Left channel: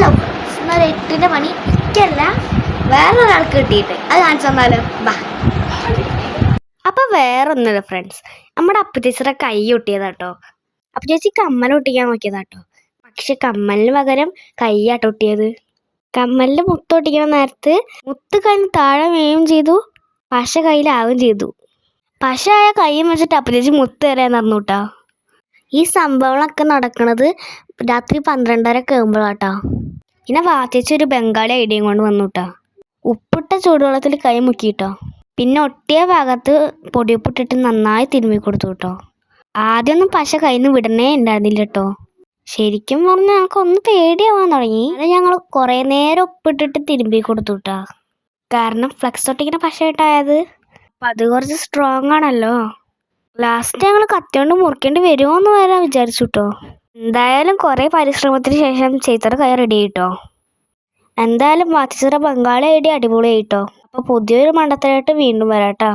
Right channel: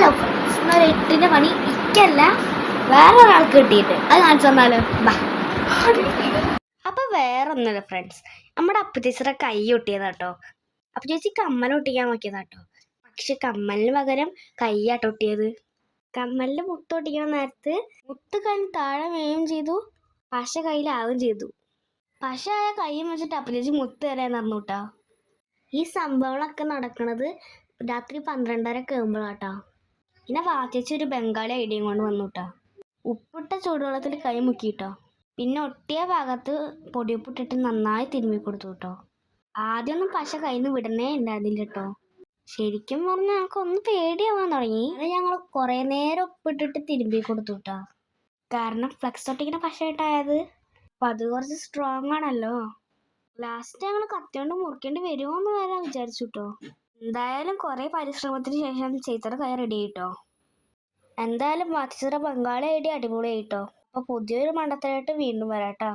Hello friends, ഇന്നൊരു 8ന്റെ പണി ഇക്കല്ല വേറൊരാൾക്ക് കിട്ടിയിട്ട് അത് കാണിച്ചു തന്നാലോ? ബാ. അപ്പം വേറൊന്നുമില്ല ഫ്രണ്ട്സ്, നമ്മുടെ അപ്പുചേച്ചിയുടെ കൈ ഒട്ടിയതാട്ടോ. അപ്പുചേച്ചി കമ്മൽ ഒട്ടിക്കാൻ നോക്കിയതാട്ടോ. പക്ഷെ കമ്മലിന് പകരം കൈയാട്ടോ ഒട്ടിയത്. കമ്മലിൽ മുത്ത് ഒട്ടിക്കുന്ന നേരത്ത് മുത്ത് കഴിഞ്ഞ് താഴെ വീഴുകയും ചെയ്തു, പശ കയ്യിലാവുകയും ചെയ്തു. പശ ആയ കൈയും വെച്ചിട്ട് അപ്പുചേച്ചി മുത്ത് തരാൻ നടന്നു കേട്ടോ. ഈ സംഭവങ്ങളൊക്കെ നടക്കുന്നത് രാത്രി 12:30 ആകുമ്പോഴാട്ടോ. പിന്നെ വാച്ചേച്ചി ഒരു ബംഗാളി ഐഡിയയും കൊണ്ട് വന്നു കേട്ടോ. ഉപ്പിട്ട ചൂടുവെള്ളത്തിൽ കൈ മുക്കിയിട്ടോ. പിന്നെ ഒട്ടിയ ഭാഗത്ത് പൊടിയുപ്പിട്ടിട്ട് നന്നായി തിരുമ്മി കൊടുത്തു കേട്ടോ. ആദ്യമൊന്നും പശ കയ്യിൽ നിന്ന് വിടണേ ഉണ്ടായിരുന്നില്ല കേട്ടോ. ശരിക്കും പറഞ്ഞാൽ ഞങ്ങൾക്കൊന്ന് പേടിയാവാൻ തുടങ്ങി. അത് ഞങ്ങൾ കുറേ നേരം ഉപ്പിട്ടിട്ട് തിരുമ്പി കൊടുത്തു കേട്ടോ. കാരണം ഫ്ലക്സ് ഒട്ടിക്കുന്ന പശ ഇട്ടായത്, അപ്പം അത് കുറച്ച് സ്ട്രോങ് ആണല്ലോ. ലാസ്റ്റ് ഞങ്ങൾ കത്തിയോണ്ട് മുറിക്കേണ്ടി വരുമോ എന്ന് വരെ വിചാരിച്ചു കേട്ടോ. എന്തായാലും കുറേ പരിശ്രമത്തിന് ശേഷം ചേച്ചിയുടെ കൈ റെഡി ആയിട്ടോ. എന്തായാലും വാച്ചിച്ചിറ ബംഗാളി ഐഡിയ അടിപൊളിയായിട്ടോ. അപ്പോൾ പുതിയൊരു മണ്ടത്തരായിട്ട് വീണ്ടും വരാട്ടോ.